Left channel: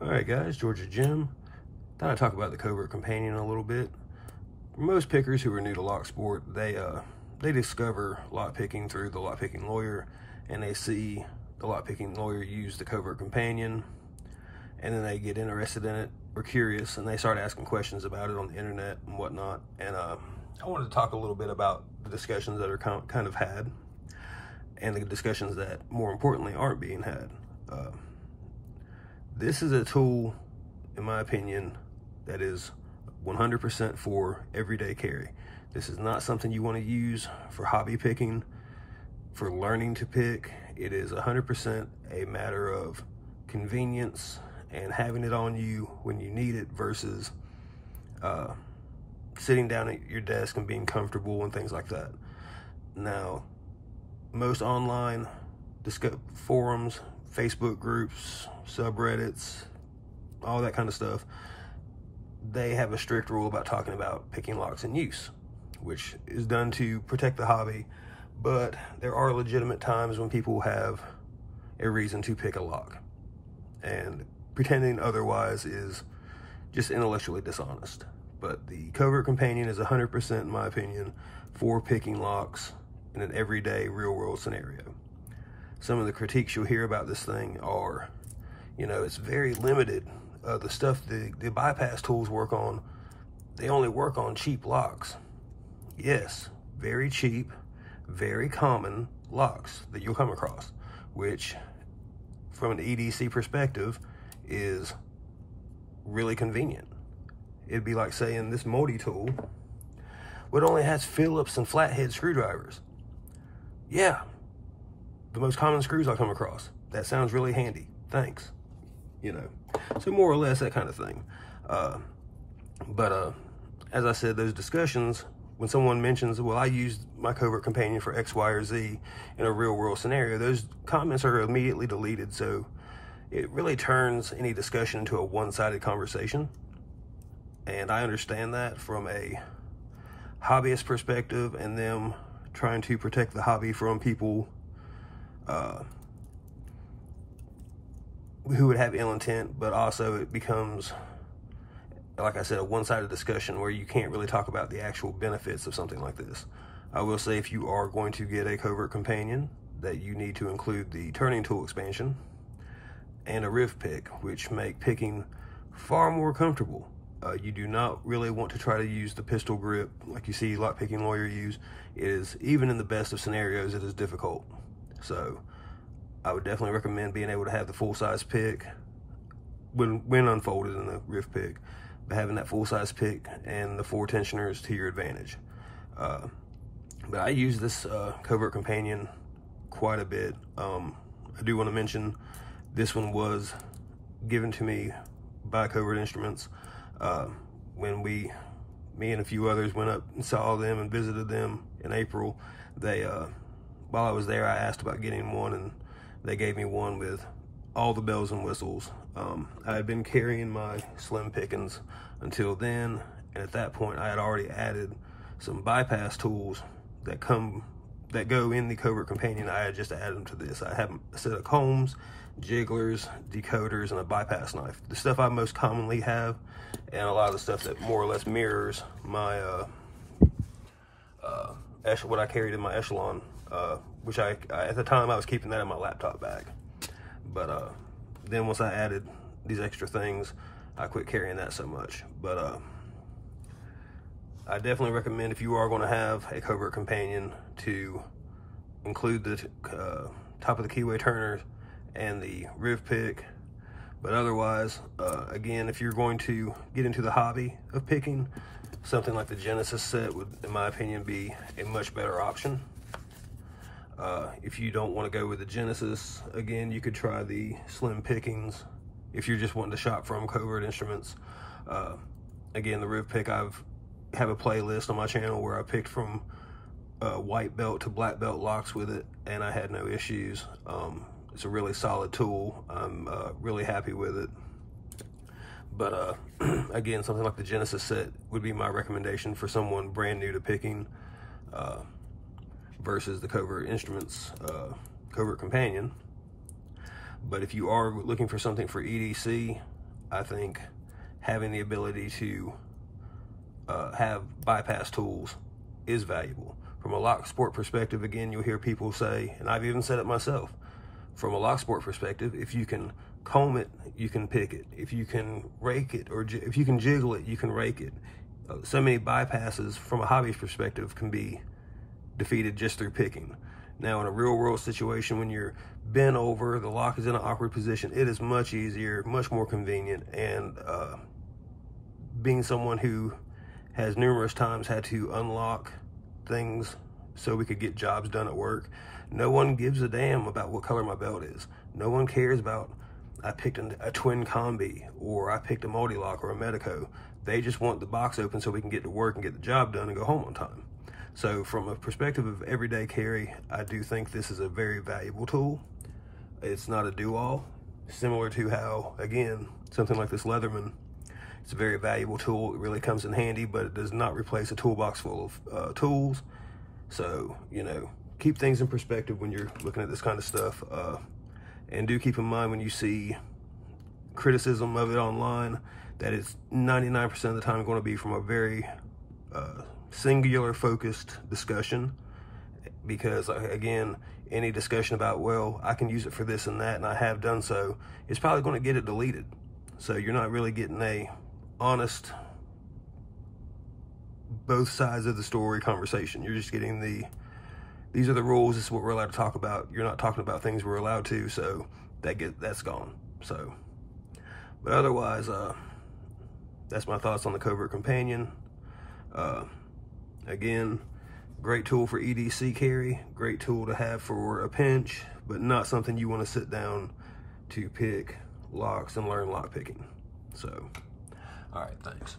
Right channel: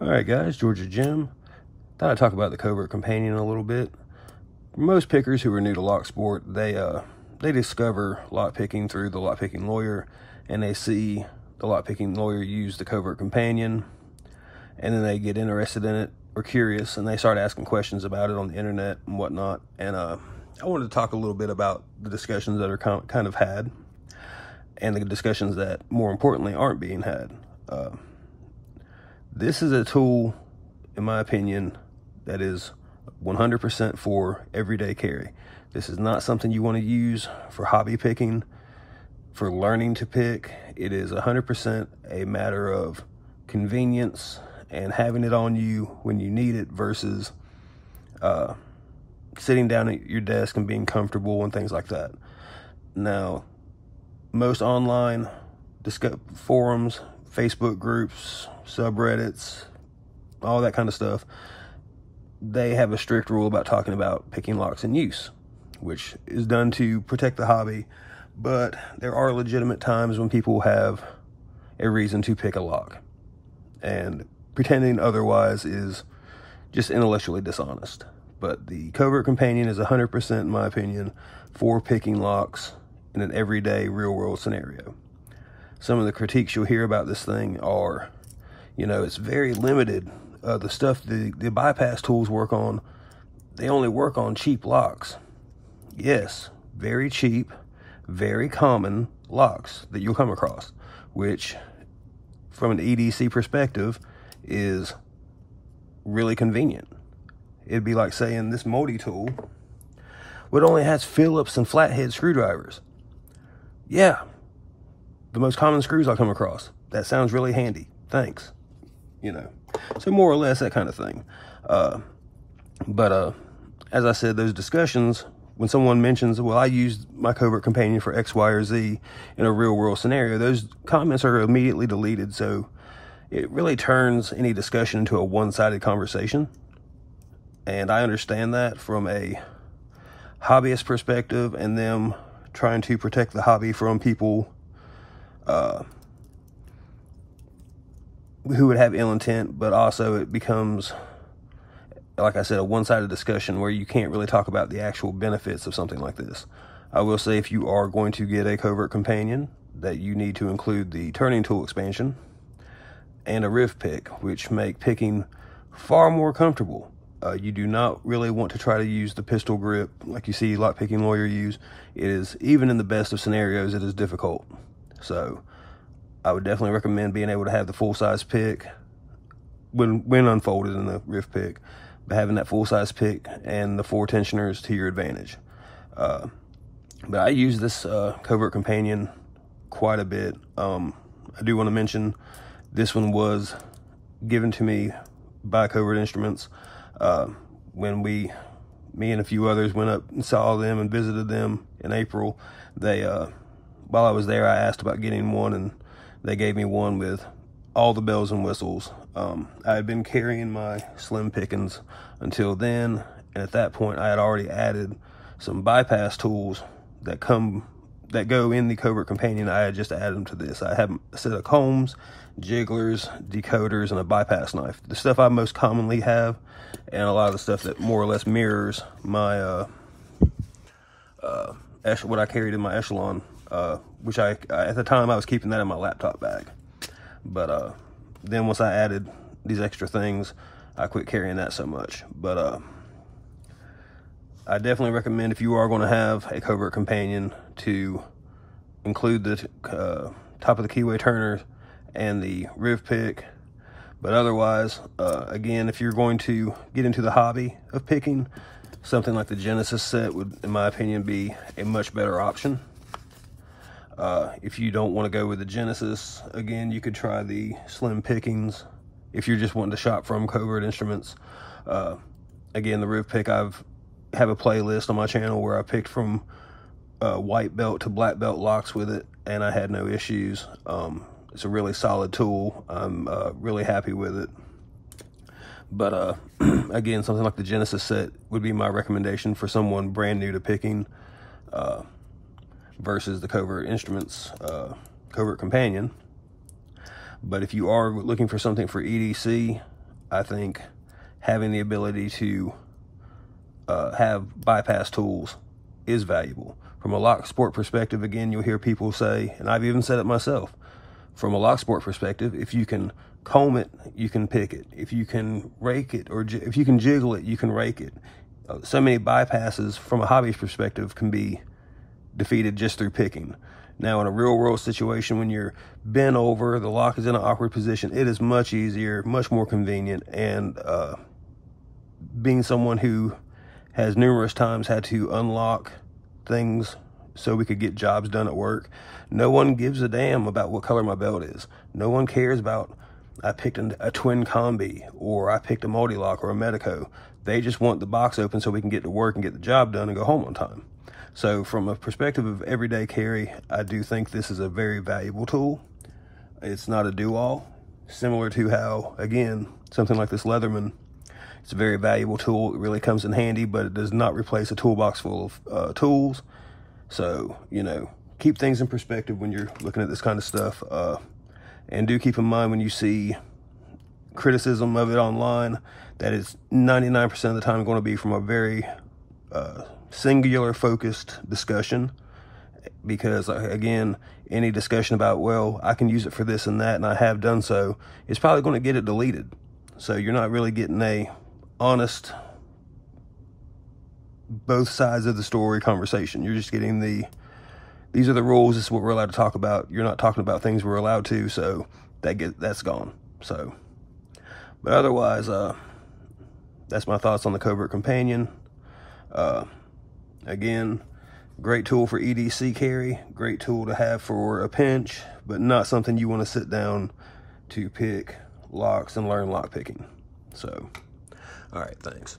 Alright guys, Georgia Jim. Thought I'd talk about the Covert Companion a little bit. Most pickers who are new to lock sport, they discover lock picking through the lock picking lawyer, and they see the lock picking lawyer use the Covert Companion, and then they get interested in it or curious, and they start asking questions about it on the internet and whatnot. And I wanted to talk a little bit about the discussions that are kind of had, and the discussions that, more importantly, aren't being had. This is a tool, in my opinion, that is 100% for everyday carry. This is not something you want to use for hobby picking, for learning to pick. It is 100% a matter of convenience and having it on you when you need it versus sitting down at your desk and being comfortable and things like that. Now, most online forums, Facebook groups, subreddits, all that kind of stuff, they have a strict rule about talking about picking locks in use, which is done to protect the hobby, but there are legitimate times when people have a reason to pick a lock, and pretending otherwise is just intellectually dishonest. But the Covert Companion is 100%, in my opinion, for picking locks in an everyday real-world scenario. Some of the critiques you'll hear about this thing are, it's very limited. The stuff the bypass tools work on, they only work on cheap locks. Yes, very cheap, very common locks that you'll come across, which from an EDC perspective is really convenient. It'd be like saying this moldy tool, it only has Phillips and flathead screwdrivers. Yeah, the most common screws I come across. That sounds really handy. Thanks. So more or less that kind of thing. But as I said, those discussions, when someone mentions, well, I used my Covert Companion for X, Y, or Z in a real world scenario, those comments are immediately deleted. So it really turns any discussion into a one-sided conversation. And I understand that from a hobbyist perspective, and them trying to protect the hobby from people who would have ill intent, but also it becomes, like I said, a one-sided discussion where you can't really talk about the actual benefits of something like this. I will say, if you are going to get a Covert Companion, that you need to include the turning tool expansion and a riv pick, which make picking far more comfortable. You do not really want to try to use the pistol grip like you see lock picking lawyer use. It is, even in the best of scenarios, it is difficult. So I would definitely recommend being able to have the full-size pick when unfolded in the riv pick, but having that full-size pick and the 4 tensioners to your advantage. But I use this Covert Companion quite a bit. I do want to mention this one was given to me by Covert Instruments. When me and a few others went up and saw them and visited them in April, they while I was there, I asked about getting one, and they gave me one with all the bells and whistles. I had been carrying my slim pickings until then, and at that point I had already added some bypass tools that go in the Covert Companion. I had just added them to this. I have a set of combs, jigglers, decoders, and a bypass knife. The stuff I most commonly have, and a lot of the stuff that more or less mirrors my what I carried in my Echelon, which I at the time I was keeping that in my laptop bag. But then once I added these extra things, I quit carrying that so much. But I definitely recommend, if you are going to have a Covert Companion, to include the top of the keyway turners and the riv pick. But otherwise, again, if you're going to get into the hobby of picking, something like the Genesis set would, in my opinion, be a much better option. If you don't want to go with the Genesis, again, you could try the slim pickings if you're just wanting to shop from Covert Instruments. Again, the riv pick, I have a playlist on my channel where I picked from white belt to black belt locks with it, and I had no issues. It's a really solid tool. I'm really happy with it. But again, something like the Genesis set would be my recommendation for someone brand new to picking, versus the Covert Instruments Covert Companion. But if you are looking for something for EDC, I think having the ability to have bypass tools is valuable. From a lock sport perspective, again, you'll hear people say, and I've even said it myself, from a lock sport perspective, if you can comb it, you can pick it. If you can rake it, or if you can jiggle it, you can rake it. So many bypasses from a hobbyist perspective can be defeated just through picking. Now, in a real world situation, when you're bent over, the lock is in an awkward position, it is much easier, much more convenient. And being someone who has numerous times had to unlock things so we could get jobs done at work, no one gives a damn about what color my belt is. No one cares about, I picked a twin combi, or I picked a multi-lock or a Medico. They just want the box open so we can get to work and get the job done and go home on time. So from a perspective of everyday carry, I do think this is a very valuable tool. It's not a do-all, similar to how, again, something like this Leatherman, it's a very valuable tool. It really comes in handy, but it does not replace a toolbox full of tools. So, you know, keep things in perspective when you're looking at this kind of stuff. And do keep in mind when you see criticism of it online, that it's 99% of the time going to be from a very singular focused discussion. Because again, any discussion about, well, I can use it for this and that, and I have done so, it's probably going to get it deleted. So you're not really getting a honest, both sides of the story conversation. You're just getting these are the rules, this is what we're allowed to talk about. You're not talking about things we're allowed to, so that's gone. So, but otherwise, that's my thoughts on the Covert Companion. Again, great tool for EDC carry, great tool to have for a pinch, but not something you want to sit down to pick locks and learn lock picking. So, all right, thanks.